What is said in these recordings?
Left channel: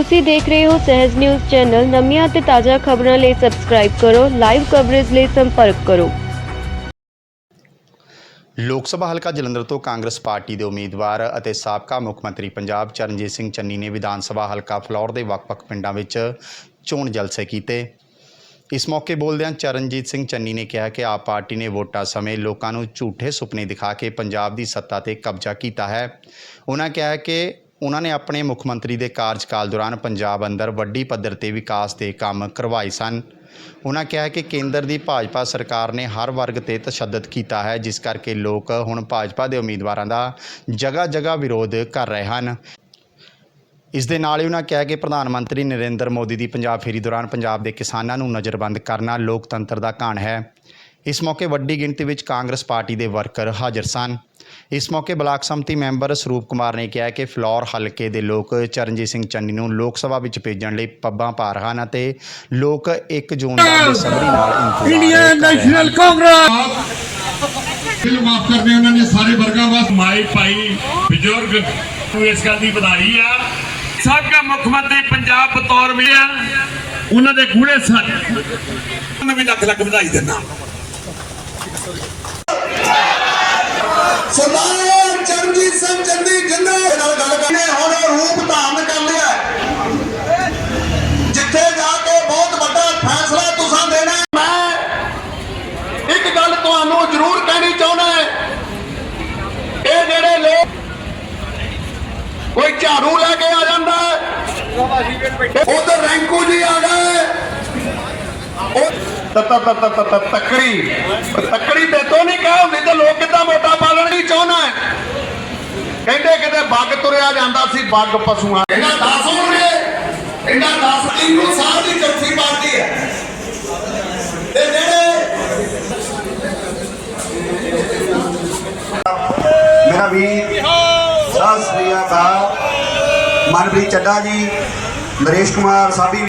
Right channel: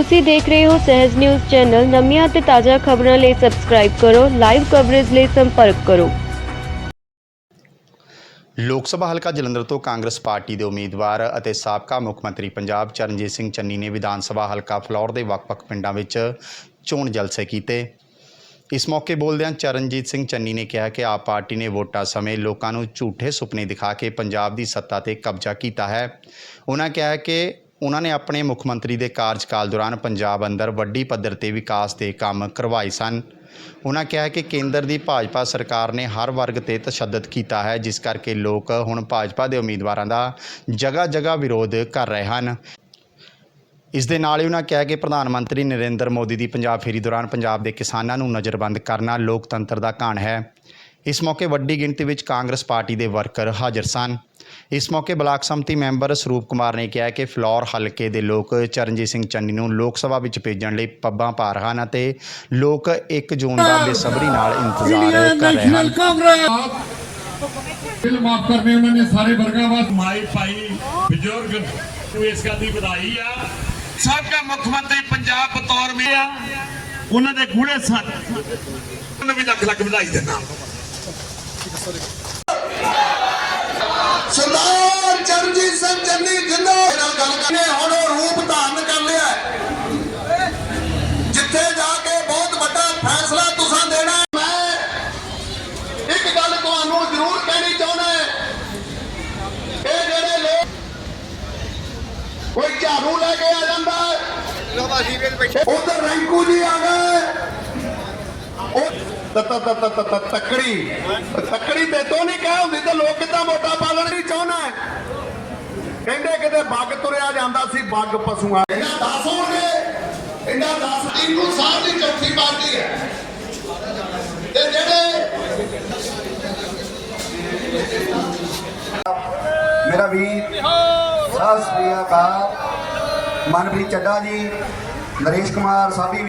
ਤੁਸੀਂ ਦੇਖ ਰਹੇ ਹੋ ਸਹਿਜ ਨਿਊਜ਼ ਚੈਨਲ। ਨਵੀਆਂ ਅਤੇ ਤਾਜ਼ਾ ਖਬਰਾਂ ਲਈ ਸਬਸਕ੍ਰਾਈਬ ਕਰੋ ਲਾਈਵ ਕਵਰੇਜ ਲਈ ਸੰਪਰਕ ਕਰੋ। ਲੋਕ ਸਭਾ ਹਲਕਾ ਜਲੰਧਰ ਤੋਂ ਕਾਂਗਰਸ ਪਾਰਟੀ ਦੇ ਉਮੀਦਵਾਰ ਅਤੇ ਸਾਬਕਾ ਮੁੱਖ ਮੰਤਰੀ ਪੰਜਾਬ ਚਰਨਜੀਤ ਸਿੰਘ ਚੰਨੀ ਨੇ ਵਿਧਾਨ ਸਭਾ ਹਲਕਾ ਫਲੌਰ ਦੇ ਵੱਖ-ਵੱਖ ਪਿੰਡਾਂ ਵਿੱਚ ਚੋਣ ਜਲਸੇ ਕੀਤੇ। ਇਸ ਮੌਕੇ ਬੋਲਦਿਆਂ ਚਰਨਜੀਤ ਸਿੰਘ ਚੰਨੀ ਨੇ ਕਿਹਾ ਕਿ ਆਪ ਪਾਰਟੀ ਨੇ ਵੋਟਾਂ ਸਮੇਂ ਲੋਕਾਂ ਨੂੰ ਝੂਠੇ ਸੁਪਨੇ ਦਿਖਾ ਕੇ ਪੰਜਾਬ ਦੀ ਸੱਤਾ ਤੇ ਕਬਜ਼ਾ ਕੀਤਾ ਹੈ। ਉਹਨਾਂ ਕਿਹਾ ਕਿ ਉਹਨਾਂ ਨੇ ਆਪਣੇ ਮੁੱਖ ਮੰਤਰੀ ਦੇ ਕਾਰਜਕਾਲ ਦੌਰਾਨ ਪੰਜਾਬ ਅੰਦਰ ਵੱਡੀ ਪੱਧਰ ਤੇ ਵਿਕਾਸ ਦੇ ਕੰਮ ਕਰਵਾਏ ਸਨ। ਉਹਨਾਂ ਕਿਹਾ ਕਿ ਕੇਂਦਰ ਦੀ ਭਾਜਪਾ ਸਰਕਾਰ ਨੇ ਹਰ ਵਰਗ ਤੇ ਤਸ਼ੱਦਦ ਕੀਤਾ ਹੈ, ਜਿਸ ਕਰਕੇ ਲੋਕ ਹੁਣ ਭਾਜਪਾ ਦੇ ਉਮੀਦਵਾਰਾਂ ਦਾ ਜਗ੍ਹਾ ਜਗ੍ਹਾ ਵਿਰੋਧ ਕਰ ਰਹੇ ਹਨ। ਇਸ ਦੇ ਨਾਲ ਹੀ ਉਹਨਾਂ ਕਿਹਾ ਕਿ ਪ੍ਰਧਾਨ ਮੰਤਰੀ ਨਰਿੰਦਰ ਮੋਦੀ ਦੀ ਪੰਜਾਬ ਫੇਰੀ ਦੌਰਾਨ ਪੰਜਾਬ ਦੇ ਕਿਸਾਨਾਂ ਨੂੰ ਨਜ਼ਰਬੰਦ ਕਰਨਾ ਲੋਕਤੰਤਰ ਦਾ ਘਾਣ ਹੈ। ਇਸ ਮੌਕੇ ਵੱਡੀ ਗਿਣਤੀ ਵਿੱਚ ਕਾਂਗਰਸ ਪਾਰਟੀ ਦੇ ਵਰਕਰ ਹਾਜ਼ਰ ਸਨ। ਇਸ ਮੌਕੇ ਬਲਾਕ ਸੰਮਤੀ ਮੈਂਬਰ ਸਰੂਪ ਕੁਮਾਰ ਨੇ ਕਿਹਾ ਕਿ ਫਲੋਰ ਹਲਕੇ ਦੇ ਲੋਕ ਚਰਨਜੀਤ ਸਿੰਘ ਚੰਨੀ ਨੂੰ ਲੋਕ ਸਭਾ ਵਿੱਚ ਭੇਜਣ ਲਈ ਪੱਬਾਂ ਪਾ ਰਹੇ ਹਨ ਅਤੇ ਲੋਕ 1 ਜੂਨ ਦਾ ਬੇਸਬਰੀ ਨਾਲ ਇੰਤਜ਼ਾਰ ਕਰ ਰਹੇ ਨੈਸ਼ਨਲ ਹਨ ਕਾਂਗਰਸ! ਬਿੱਲ ਮਾਫ ਕਰਦੇ ਉਹਨਾਂ ਨੇ ਸਾਰੇ ਵਰਗਾਂ ਵਾਸਤੇ ਮਾਈ ਭਾਈ ਬਜ਼ੁਰਗ ਨੂੰ ਇਸ ਗੱਲ ਦੀ ਵਧਾਈ ਆ। ਸਾਬਕਾ ਮੁੱਖ ਮੰਤਰੀ ਪੰਜਾਬ ਬਤੌਰ ਮਿਲਿਆ। ਉਹਨਾਂ ਦੇ ਗੂੜੇ ਸੱਚ ਉਹਨੂੰ ਵੀ ਲੱਖ ਲੱਖ ਵਧਾਈ ਦਿੰਦਾ। ਸਰਦਾਰ ਚਰਨਜੀਤ ਸਿੰਘ ਚੰਨੀ ਜਿੰਦਾ ਨਾਲ ਗੱਲ ਕਰਨੇ ਹੁਣ ਉਹ ਰੂਪ ਧਾਰਨ ਕਰ ਲਿਆ। ਜਿੱਥੇ ਜਾ ਕੇ ਬਹੁਤ ਵੱਡਾ ਫੈਸਲਾ ਤੁਸੀਂ ਦੇਣਾ ਮੈਂ ਇੱਕ ਗੱਲ ਤੁਹਾਨੂੰ ਜ਼ਰੂਰ ਕਹਿਣੀ ਚਾਹੁੰਦਾ ਹੈ। ਇਹ ਜਿਹੜੇ ਲੋਕ ਕੋਈ ਝਾੜੂ ਲੈ ਕੇ ਆ ਜਾਂਦਾ ਉਧਰ ਰੈਂਕੂ ਜੀ ਆ ਗਏ। ਉਹ ਤ- ਤੱਕੜੀ। ਤੇ ਤੋਂ ਨਹੀਂ ਕਹੋ ਨਹੀਂ ਤੇ ਲੋਕ ਕਿੱਦਾਂ ਵੋਟਾਂ ਪਾਲਣ ਚਾਹੁੰਦਾ ਕਹਿੰਦੇ ਕਿਤੇ ਬੱਗ ਤੁਰਿਆ ਜਾਂਦਾ ਸੀ, ਬੱਗ ਪਸ਼ੂਆਂ ਇਹਨਾਂ 10 ਹੋਣਗੇ। ਇਹਨਾਂ 10 ਇੰਨੂ ਸਾਲ ਦੀ ਚੌਥੀ ਪਾਰਟੀ ਹੈ। ਤੇ ਜਿਹੜੇ ਮੇਰਾ ਵੀਰ, ਸਤਿ ਸ੍ਰੀ ਅਕਾਲ। ਮਨਪ੍ਰੀਤ ਚੱਡਾ ਜੀ, ਨਰੇਸ਼ ਕੁਮਾਰ, ਸਾਡੀ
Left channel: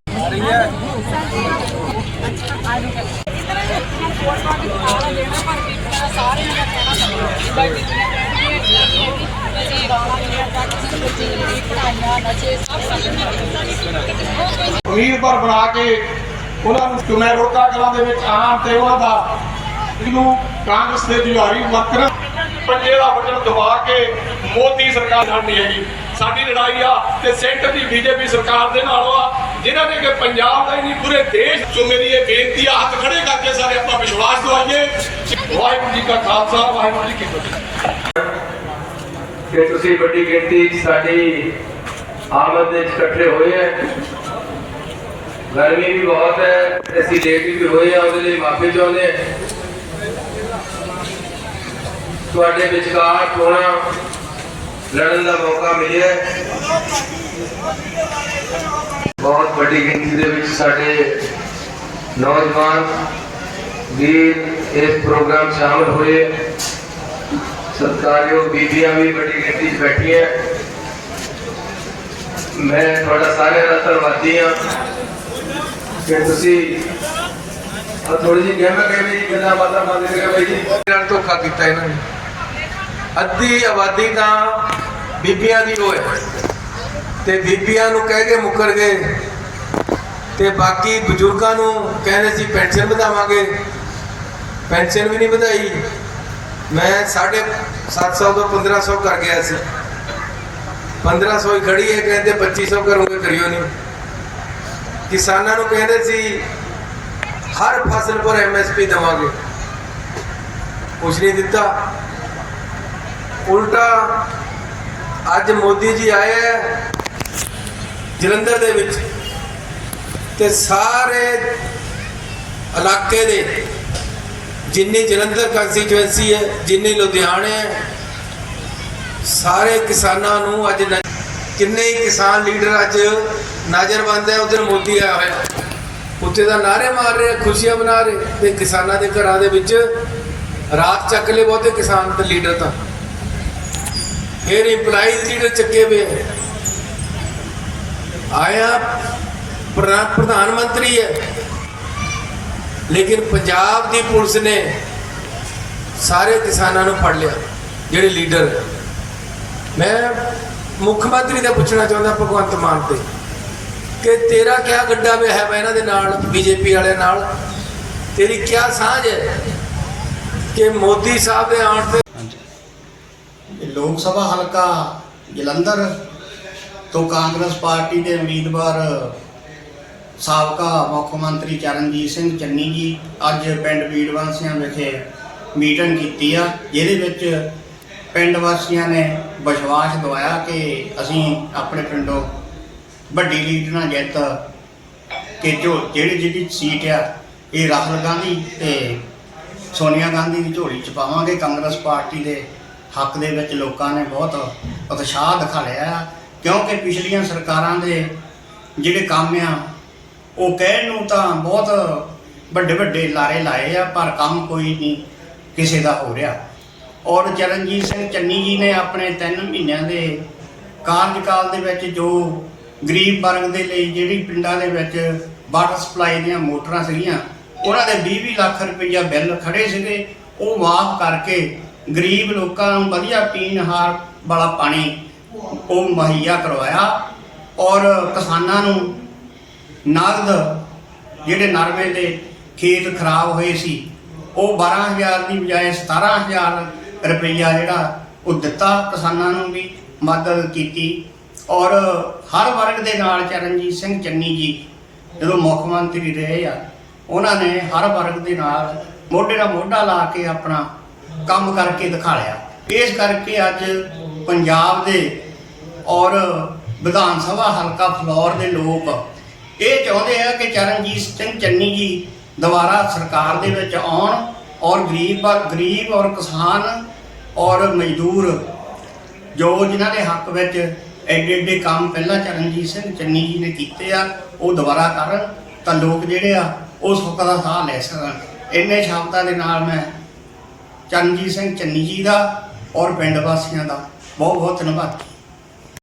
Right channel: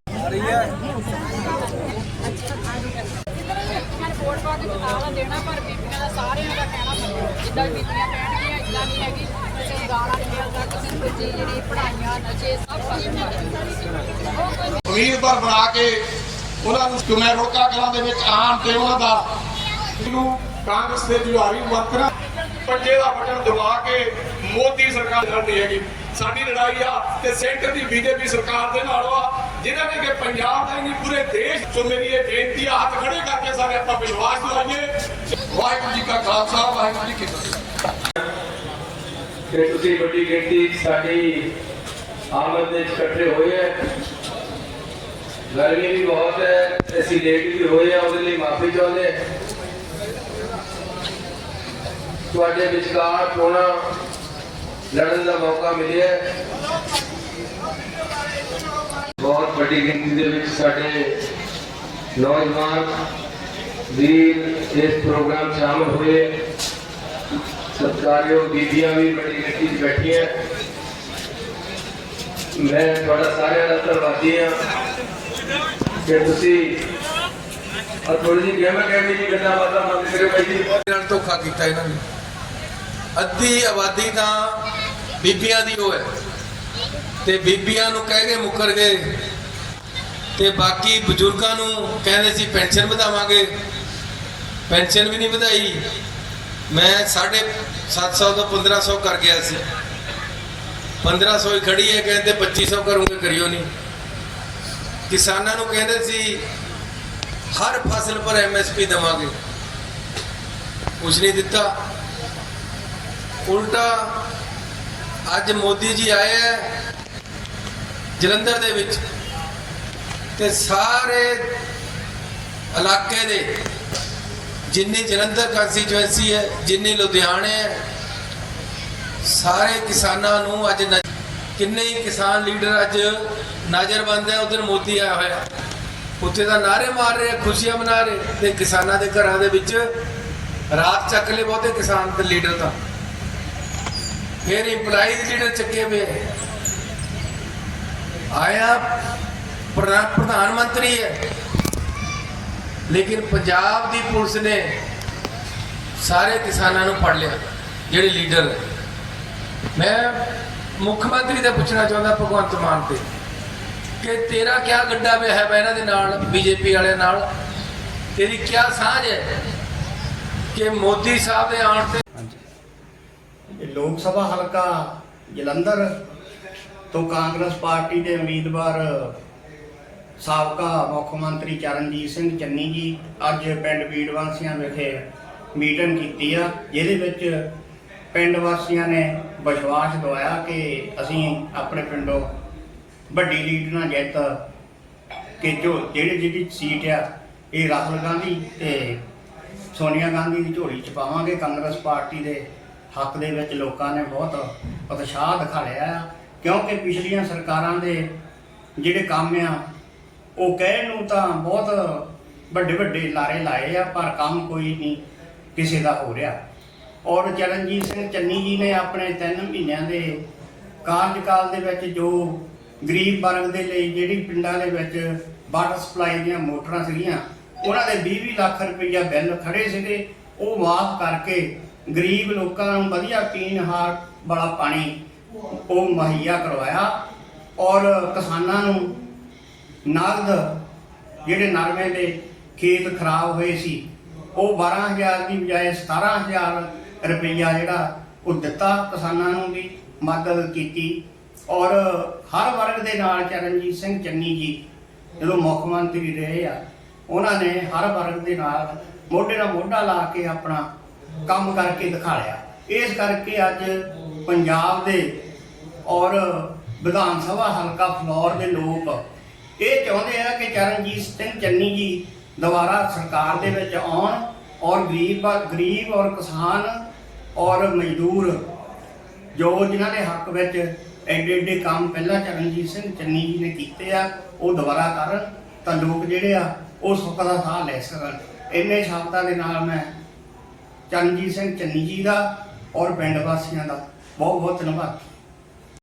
ਉਮੀਦਵਾਰ ਬਣਾ ਕੇ ਉਹਨਾਂ ਨੂੰ ਚੁਣੇ ਰੋਕਾ ਕਰਾਂ ਦੇ ਵਿੱਚ ਆਣ ਤੇ ਉਹਨਾਂ ਦਾ ਨੂੰ ਕਾਂਗਰਸ ਦੇ ਜੁਆਰੀ ਵਰਕਰ ਪੰਜੇ ਦਾ ਬਟਨ ਦਬਾ ਕੇ ਮੋਦੀ ਸਰਕਾਰ ਸਾਡੀ ਹੈਗੀ। ਸਾਡੀ ਲੜਾਈ ਆ ਤੇ ਸੈਂਟਰ ਦੀ ਬੀਜੇਪੀ ਸਰਕਾਰ ਦੇ ਨਾਲ ਆ, ਜਿਨ੍ਹਾਂ ਨੇ ਕਿ ਪੰਜਾਬ ਦਾ ਹੀ ਨਹੀਂ, ਪੂਰੇ ਦੇਸ਼ ਤੋਂ ਮੇਰੀ ਇਹ ਬੇਨਤੀ ਆ, ਹੱਥ ਖੜੇ ਕਰਕੇ ਸਾਰੇ ਆਪਾਂ ਵਿਸ਼ਵਾਸ ਦਵਾਈਏ। ਵਾਹਿਗੁਰੂ ਜੀ ਕਾ ਖਾਲਸਾ, ਵਾਹਿਗੁਰੂ ਜੀ ਕੀ ਫਤਿਹ। ਕਿ ਤੁਸੀਂ ਵੱਡੀ ਗਿਣਤੀ ਸਾਡੀ ਆਮਦ ਦੇ ਵਿੱਚ ਇਕੱਠੇ ਹੋਏ ਹੈ ਗਰਮੀ ਵੀ ਬਹੁਤ ਹੈ, ਅਸੀਂ ਲੇਟ ਵੀ ਹੋਏ ਆ, ਉਹਦੇ ਲਈ ਮਾਫੀ ਚਾਹੁੰਦੇ ਹਾਂ। ਤੁਹਾਡੇ ਵਿਚਕਾਰ ਚੋਣਾਂ ਲੜਨ ਦਾ ਮੌਕਾ ਮਿਲਿਆ ਬਹੁਤ ਵੱਡੀ ਗਿਣਤੀ ਦੇ ਵਿੱਚ ਸਾਡੇ ਨੌਜਵਾਨ ਵੀ ਇਸ ਪ੍ਰੋਗਰਾਮ 'ਚ ਸ਼ਾਮਲ ਹੋਏ। ਸਤਿਕਾਰਯੋਗ ਬੀਬੀਆਂ ਵੀ ਵੱਡੀ ਗਿਣਤੀ 'ਚ ਬੈਠੀਆਂ। ਮੈਂ ਤੁਹਾਡਾ ਸਾਰਿਆਂ ਦਾ ਧੰਨਵਾਦੀ ਹਾਂ ਕਿ ਤੁਸੀਂ ਆ ਥੋੜੀ ਜਿਹੀ ਗਹਿਮਾ ਗਹਿਮੀ ਦੀ ਗੱਲਾਂ ਬਾਤਾਂ ਬੰਦ ਕਰੋ ਜੀ। ਨਾਲ ਧੋਖਾ ਕੀਤਾ ਇਹਨਾਂ ਨੇ। ਅੱਧੀ ਆਬਾਦੀ ਤਾਂ ਬੀਬੀਆਂ ਦੀ ਹੋਏ ਤੇ ਬੀਬੀਆਂ ਨੂੰ ਕਹਿ ਕੇ ਮੁੱਕਰ ਗਏ ਤੇ ਬਾਕੀ ਬਜ਼ੁਰਗਾਂ ਨੂੰ ਕਹਿੰਦੇ ਸੀ, ਪੈਨਸ਼ਨ ਵਧਾਵਾਂਗੇ। ਪੈਨਸ਼ਨ ਵੀ ਨਹੀਂ ਵਧਾਈ। ਮੈਂ 750 ਤੋਂ 1500 ਕਰ ਗਿਆ ਸੀ। 1500 ਹੀ ਖੜੀ ਹੈ, ਕਹਿੰਦੇ 2500 ਕਰੂੰਗੇ ਕਰਿਓ ਨਹੀਂ। ਕਿਸਾਨਾਂ ਨੂੰ ਕਹਿੰਦੇ ਸੀ, ਹਰ ਫਸਲ ਪਰ ਐਮਐਸਪੀ ਦੇਵਾਂਗੇ। ਕੁਝ ਨਹੀਂ ਦਿੱਤਾ। ਉਲਟਾ ਅੱਜ ਮੋਦੀ ਜੀ ਆਏ ਹੈ ਜਲੰਧਰ ਦੇ ਵਿੱਚ ਤੇ ਸਾਰੇ ਇਲਾਕੇ ਦੇ ਜਿੰਨੀ ਜਲੰਧਰ ਕੰਸਟੀਚੁਐਂਸੀ ਹੈ, ਜਿੰਨੀ ਲੁਧਿਆਣੇ ਹੈ ਸਾਰੇ ਕਿਸਾਨਾਂ ਨੂੰ ਅੱਜ ਕਿੰਨੇ ਹੀ ਕਿਸਾਨ ਲੀਡਰ ਅੱਜ ਨਜ਼ਰਬੰਦ ਹੈ, ਉਧਰ ਮੋਦੀ ਆਇਆ ਹੋਇਆ। ਉੱਥੇ ਦਾ ਨਾਰੇ ਮਾਰ ਰਹੇ ਖੁਸ਼ੀਆਂ ਮਨਾ ਰਹੇ। ਤੇ ਕਿਸਾਨਾਂ ਦੇ ਘਰਾਂ ਦੇ ਵਿੱਚ ਰਾਤ ਚੱਕ ਲਏ ਬਹੁਤੇ ਕਿਸਾਨ ਤੇ ਲੀਡਰ ਤਾਂ। ਫਿਰ ਇੰਪਲਾਈਜ਼ ਲੀਡਰ ਚੱਕੇ ਹੋਏ ਆਇਆ ਪ੍ਰਧਾਨ ਪ੍ਰਧਾਨ ਮੰਤਰੀ ਹੈ। ਲੇਕਿਨ ਪੰਜਾਬ ਦੀ ਪੁਲਿਸ ਨੇ ਸਾਰੇ ਕਿਸਾਨਾਂ ਨੂੰ ਫੜ ਲਿਆ, ਜਿਹੜੇ ਲੀਡਰ ਹੈ ਮੈਂ ਮੁੱਖ ਮੰਤਰੀ ਦਾ ਪੁੱਛਣਾ ਚਾਹੁੰਦਾ ਭਗਵੰਤ ਮਾਨ ਤੇ ਕਿ ਤੇਰਾ ਕਿਆ ਗੱਡਾ ਵੇ ਹੈ ਇਹਨਾਂ ਦੇ ਨਾਲ, ਬੀਜੇਪੀ ਵਾਲਿਆਂ ਨਾਲ? ਤੇਰੀ ਕਿਆ ਸਾਂਝ ਹੈ ਕਿ ਮੋਦੀ ਸਾਹਿਬ ਦੇ ਆਉਣ ਤੇ? ਲੋਕ ਸਭਾ ਹਲਕਾ ਜਲੰਧਰ ਤੋਂ ਕਾਂਗਰਸ ਪਾਰਟੀ ਦੇ ਉਮੀਦਵਾਰ ਸਾਬਕਾ ਮੁੱਖ ਮੰਤਰੀ ਚਰਨਜੀਤ ਸਿੰਘ ਚੰਨੀ ਜੀ ਅੱਜ ਪਿੰਡ ਬੀੜਵਾਸੀਆਂ ਵਿਖੇ ਮੀਟਿੰਗ ਕੀਤੀ ਆ, ਜਿਹਦੇ ਵਿੱਚ ਪਿੰਡ ਵਾਸੀਆਂ ਨੇ ਵਿਸ਼ਵਾਸ ਦਵਾਇਆ ਕਿ ਅਸੀਂ ਆਪਣੇ ਪਿੰਡੋਂ ਵੱਡੀ ਲੀਡ ਨਾਲ ਜਿੱਤ ਕਿ ਜੋ ਜਿਹੜੀ ਜਿਹੜੀ ਸੀਟ ਆ, ਇਹ ਰਾਹੁਲ ਗਾਂਧੀ ਤੇ ਸੋਨੀਆ ਗਾਂਧੀ ਦੀ ਝੋਲੀ ਚ ਪਾਵਾਂਗੇ। ਕਾਂਗਰਸ ਪਾਰਟੀ ਦੇ ਹੱਕ ਦੇ ਵਿੱਚ ਲੋਕਾਂ ਨੇ ਬਹੁਤ ਉਤਸ਼ਾਹ ਦਿਖਾਇਆ ਆ, ਕਿਉਂਕਿ ਪਿਛਲੀਆਂ ਸਰਕਾਰਾਂ ਦੇ ਜਿਹੜੇ ਕੰਮ ਆ, ਉਹ ਕਹਿਣ ਨੂੰ ਤਾਂ ਬਹੁਤ ਵੱਡੇ ਵੱਡੇ ਲਾਰੇ ਲਾਏ ਆ, ਪਰ ਕੰਮ ਕੋਈ ਨਹੀਂ, ਕਿਸੇ ਦਾ ਹੋ ਰਿਹਾ। ਔਰ ਚਰਨਜੀਤ ਸਿੰਘ ਚੰਨੀ ਜੀ ਨੇ ਆਪਣੇ 3 ਮਹੀਨਿਆਂ ਦੇ ਕਾਰਜਕਾਲ ਦੇ ਵਿੱਚ ਜੋ ਗਰੀਬ ਵਰਗ ਦੇ ਲਈ ਜਿਹੜੀ ਪਿੰਡਾਂ ਦੇ ਵਿੱਚ ਵਾਟਰ ਸਪਲਾਈ ਦੀਆਂ ਮੋਟਰਾਂ ਸੀਗੀਆਂ, ਉਹਨਾਂ ਦੇ 20-20 ਲੱਖ ਰੁਪਈਆ ਬਿੱਲ ਖੜੇ ਸੀਗੇ। ਉਹ ਮਾਫ ਕਰਕੇ ਗਰੀਬ ਲੋਕਾਂ ਨੂੰ ਵਧੀਆ ਪੀਣ ਹਾਰ ਵਾਲਾ ਪਾਣੀ ਉਹ ਮੁਹੱਈਆ ਕਰਵਾਇਆ ਔਰ ਕਿਸਾਨਾਂ ਨੂੰ ਨਗਦ ਜਿਹੜੇ ਨਰਮੇ ਦੇ ਖੇਤ ਖਰਾਬ ਹੋਏ ਸੀ, ਉਹ 12000 ਦੀ ਬਜਾਏ 17000 ਰੁਪਈਆ ਜਿਹੜਾ ਉਹ ਦਿੱਤਾ ਕਿਸਾਨਾਂ ਨੂੰ ਵੀ ਮਦਦ ਕੀਤੀ। ਔਰ ਹਰ ਵਰਗ ਦੇ ਨਾਲ ਚਰਨਜੀਤ ਸਿੰਘ ਚੰਨੀ ਜੀ, ਜਦੋਂ ਮੁੱਖ ਮੰਤਰੀ ਰਹੇ ਆ, ਉਹਨਾਂ ਨੇ ਹਰ ਵਰਗ ਦੇ ਨਾਲ ਮੋਢੇ ਨਾਲ ਮੋਢਾ ਲਾ ਕੇ ਆਪਣਾ ਕੰਮ ਕਰਕੇ ਦਿਖਾਇਆ ਇਸ ਕਰਕੇ ਅੱਜ ਪੰਜਾਬ ਦੇ ਔਰ ਵਿਧਾਨ ਸਭਾ ਹਲਕਾ ਫਲੌਰ ਦੇ ਲੋਕ ਇਹ ਚਾਹੁੰਦੇ ਆ ਕਿ ਚਰਨਜੀਤ ਸਿੰਘ ਚੰਨੀ ਜੀ ਦੁਬਾਰਾ ਸਰਕਾਰ ਦੇ ਵਿੱਚ ਆਉਣ ਔਰ ਗਰੀਬ ਗਰੀਬ ਔਰ ਕਿਸਾਨ ਔਰ ਮਜ਼ਦੂਰ, ਜੋ ਜਿਨ੍ਹਾਂ ਦੇ ਹੱਕ ਵਿੱਚ ਐਡੇ ਐਡੇ ਕੰਮ ਪਹਿਲਾਂ ਚਰਨਜੀਤ ਸਿੰਘ ਚੰਨੀ ਜੀ ਨੇ ਕੀਤੇ ਆ, ਉਹ ਦੁਬਾਰਾ ਕਰਨ, ਤਾਂ ਲੋਕ ਜਿਹੜੇ ਆ, ਉਹ ਸੁੱਖ ਦਾ ਸਾਹ ਲੈ ਸਕਣ। ਇੰਨੇ ਸ਼ਬਦਾਂ ਦੇ ਨਾਲ ਮੈਂ ਚਰਨਜੀਤ ਸਿੰਘ ਚੰਨੀ ਜੀ ਦਾ ਔਰ ਪਿੰਡ ਵਾਸੀਆਂ ਦਾ ਬਹੁਤ ਬਹੁਤ ਧੰਨਵਾਦ।